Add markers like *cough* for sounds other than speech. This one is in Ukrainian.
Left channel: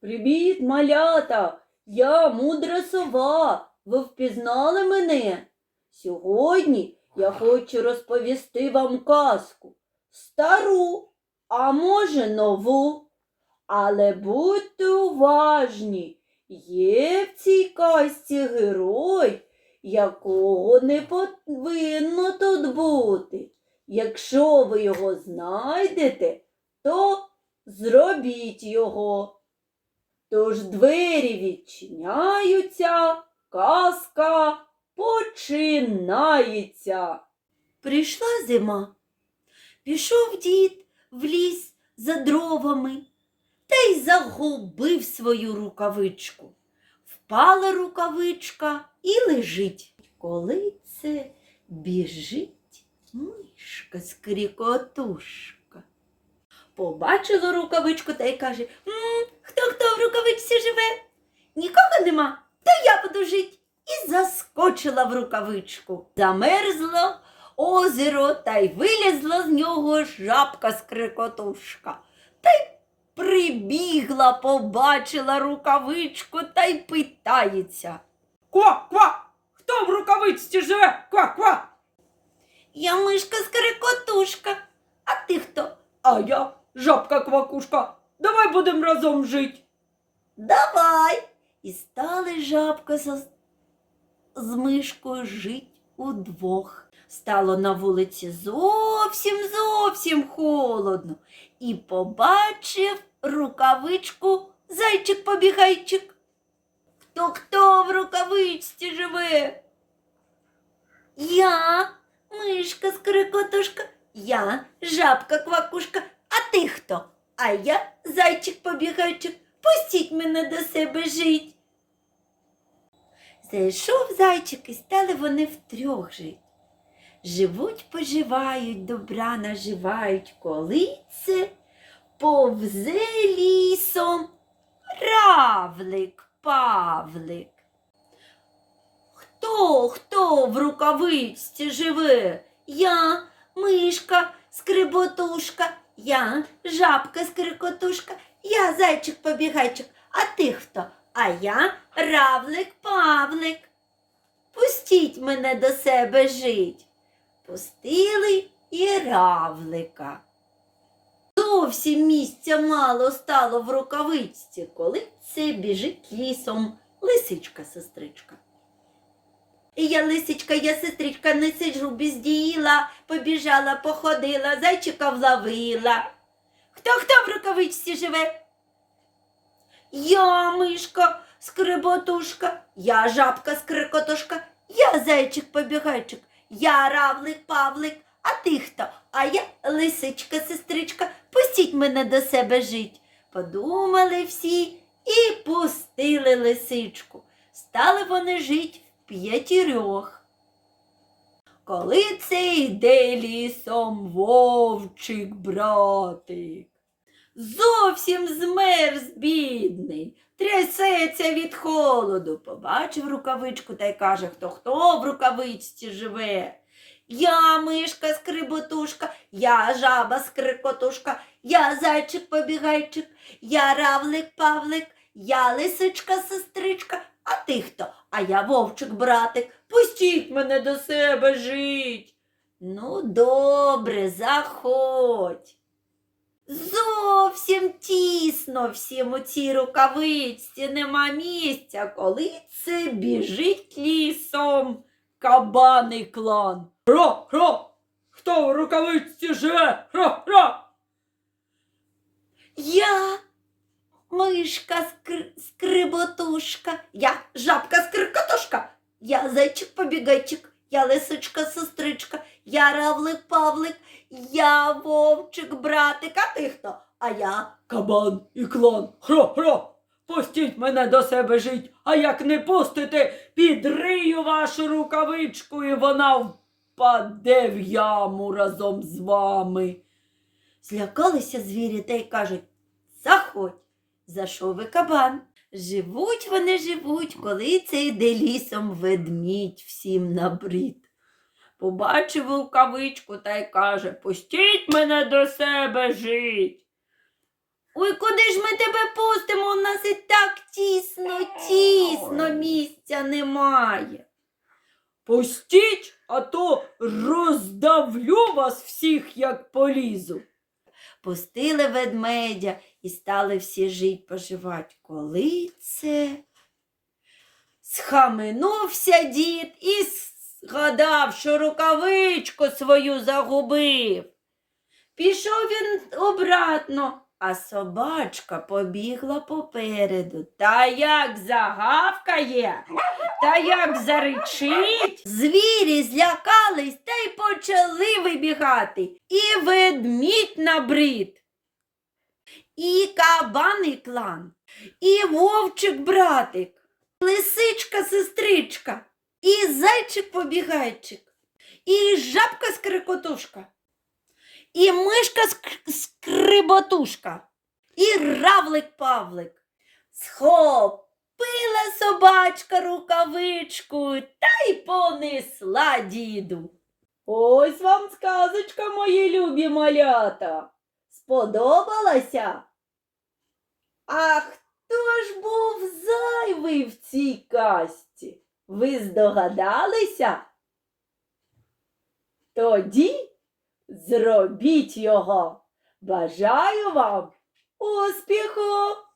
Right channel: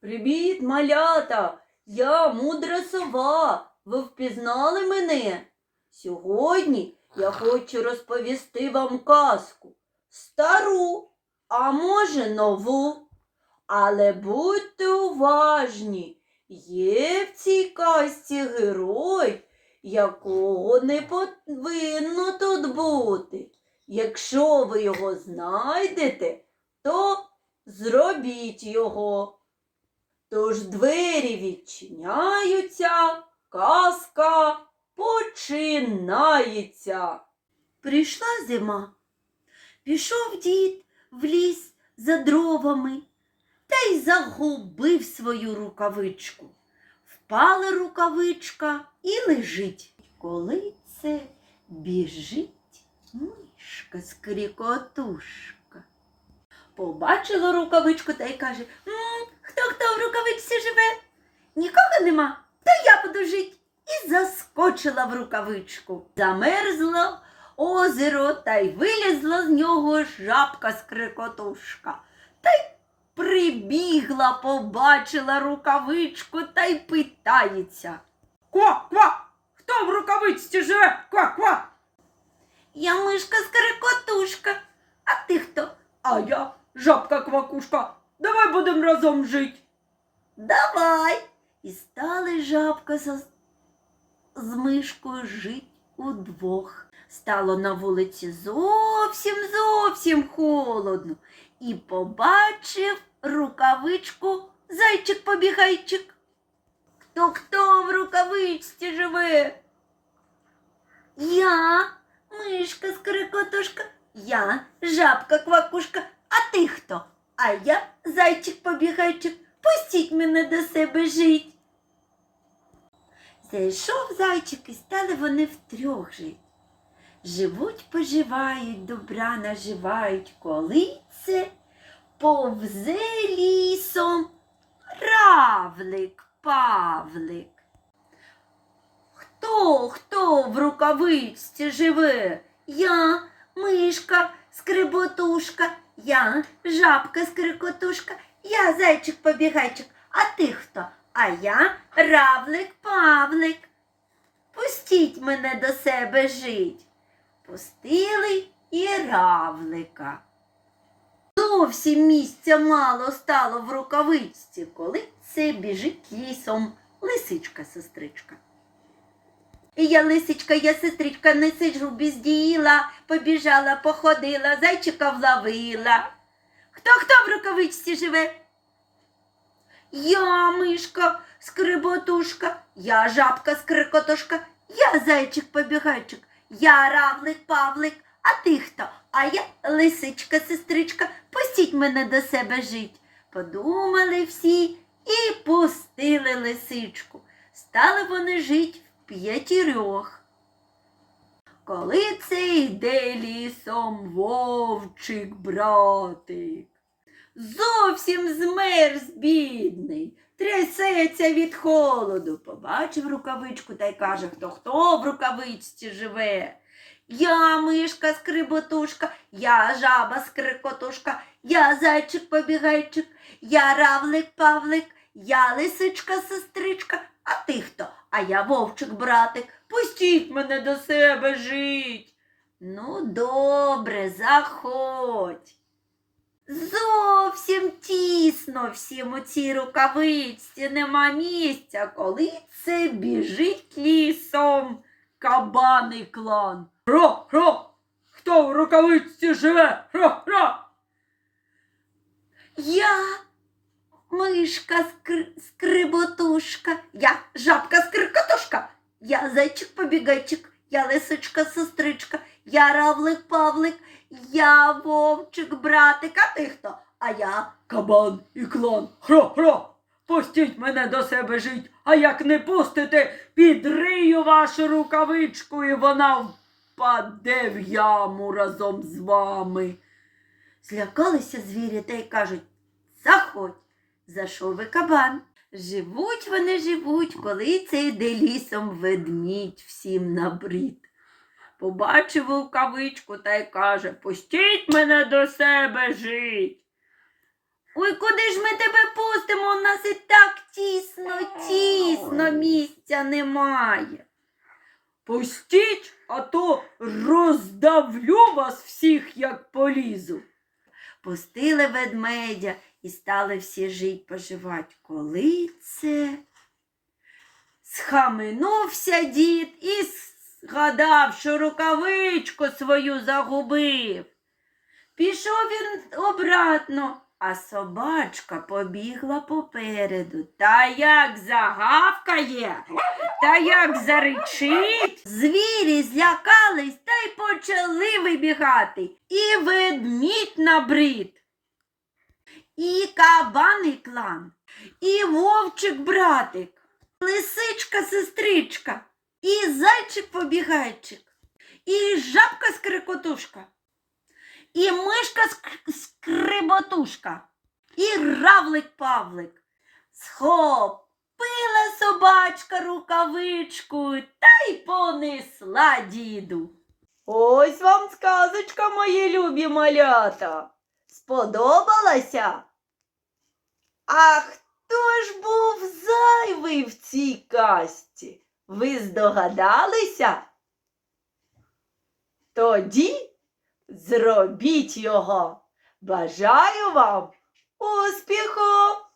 Привіт, малята! Я мудра сова. Ви впізнали мене? Сьогодні я *laughs* хочу розповісти вам казку. Стару, а може нову. Але будьте уважні, є в цій казці герой, якого не повинно тут бути. Якщо ви його знайдете, то зробіть його. Тож двері відчиняються, казка починається. Прийшла зима. Пішов дід в ліс за дровами та й загубив свою рукавичку. Впала рукавичка і лежить. Коли це біжить мишка скрікотушка. Побачила рукавичку та й каже «М, Хто хто в рукавичці живе? Нікого нема, то я буду жить. І заскочила в рукавичку. Замерзло озеро та й вилізла з нього жабка скрикотушка. Та й прибігла, побачила рукавичку та й питається. Ква-ква! Хто в рукавичці живе? Ква-ква! Я мишка скрикотушка, а ти хто? А я жабка-квакушка. Давай будемо разом жити. Давай. І стали жабка з, з мишкою жить удвох. Стало на вулиці зовсім зовсім холодно. І побачив рукавичку зайчик-побігайчик. Хто хто в рукавичці живе? Я, мишка скрикотушка, я жабка-квакушка, а ти хто? А я зайчик-побігайчик. Пустіть мене до себе жить. Зайшов зайчик і стали вони втрьох жить. Живуть, поживають, добра наживають, коли це повзе лісом равлик, павлик. Хто, хто в рукавичці живе? Я, мишка, скриботушка, я, жабка, скрикотушка, я зайчик-побігайчик, а ти хто? А я равлик Павлик. Пустіть мене до себе жить. Пустили і равлика. Зовсім місця мало стало в рукавичці, коли це біжить лісом лисичка-сестричка. І я лисичка, я сестричка, не сиджу безділа, побіжала, походила, зайчика вловила. Хто хто в рукавичці живе? Я мишка, скриботушка, я жабка скрикотушка, я зайчик побігайчик, я равлик павлик, а ти хто? А я лисичка, сестричка, пустіть мене до себе жить. Подумали всі і пустили лисичку. Стали вони жить в п'ятірьох. Коли це йде лісом вовчик братик. Зовсім змерз бідний, трясеться від холоду. Побачив рукавичку та й каже, хто хто в рукавичці живе. Я мишка скриботушка, я жаба скрикотушка, я зайчик побігайчик, я равлик павлик, я лисичка сестричка, а ти хто? А я вовчик братик. Пустіть мене до себе жить. Ну, добре, заходь. Зовсім тісно всім у цій рукавичці нема місця, коли це біжить лісом кабаний клан. Хро-хро! Хто в рукавичці живе? Хро-хро! Я мишка скр... скриботушка, я жабка скрикотушка, я зайчик побігайчик, я лисичка сестричка, я равлик павлик, я вовчик братик, а ти хто? А я Кабан і клан. Хро-хро! Пустіть мене до себе жить, а як не пустите, підрию вашу рукавичку, і вона впаде в яму разом з вами. Злякалися звірі та й кажуть Заходь, зайшов і кабан. Живуть вони живуть, коли це йде лісом ведмідь всім набрід. Побачив рукавичку та й каже Пустіть мене до себе жить. Ой, куди ж ми тебе пустимо? У нас і так тісно, тісно, місця немає. Пустіть, а то роздавлю вас всіх, як полізу. Пустили ведмедя і стали всі жить поживать. Коли це? Схаменувся дід і згадав, що рукавичку свою загубив. Пішов він обратно, а собачка побігла попереду. Та як загавкає, та як заричить. Звірі злякались та й почали вибігати. І ведмідь набрид, і кабаний клан, і вовчик братик, лисичка сестричка, і зайчик побігайчик, і жабка скрикотушка, і мишка ск- скриботушка, і равлик павлик. Схопила собачка рукавичку та й понесла діду. Ось вам сказочка, мої любі малята. Сподобалася? А хто ж був зайвий в цій казці? Ви здогадалися? Тоді зробіть його. Бажаю вам успіху!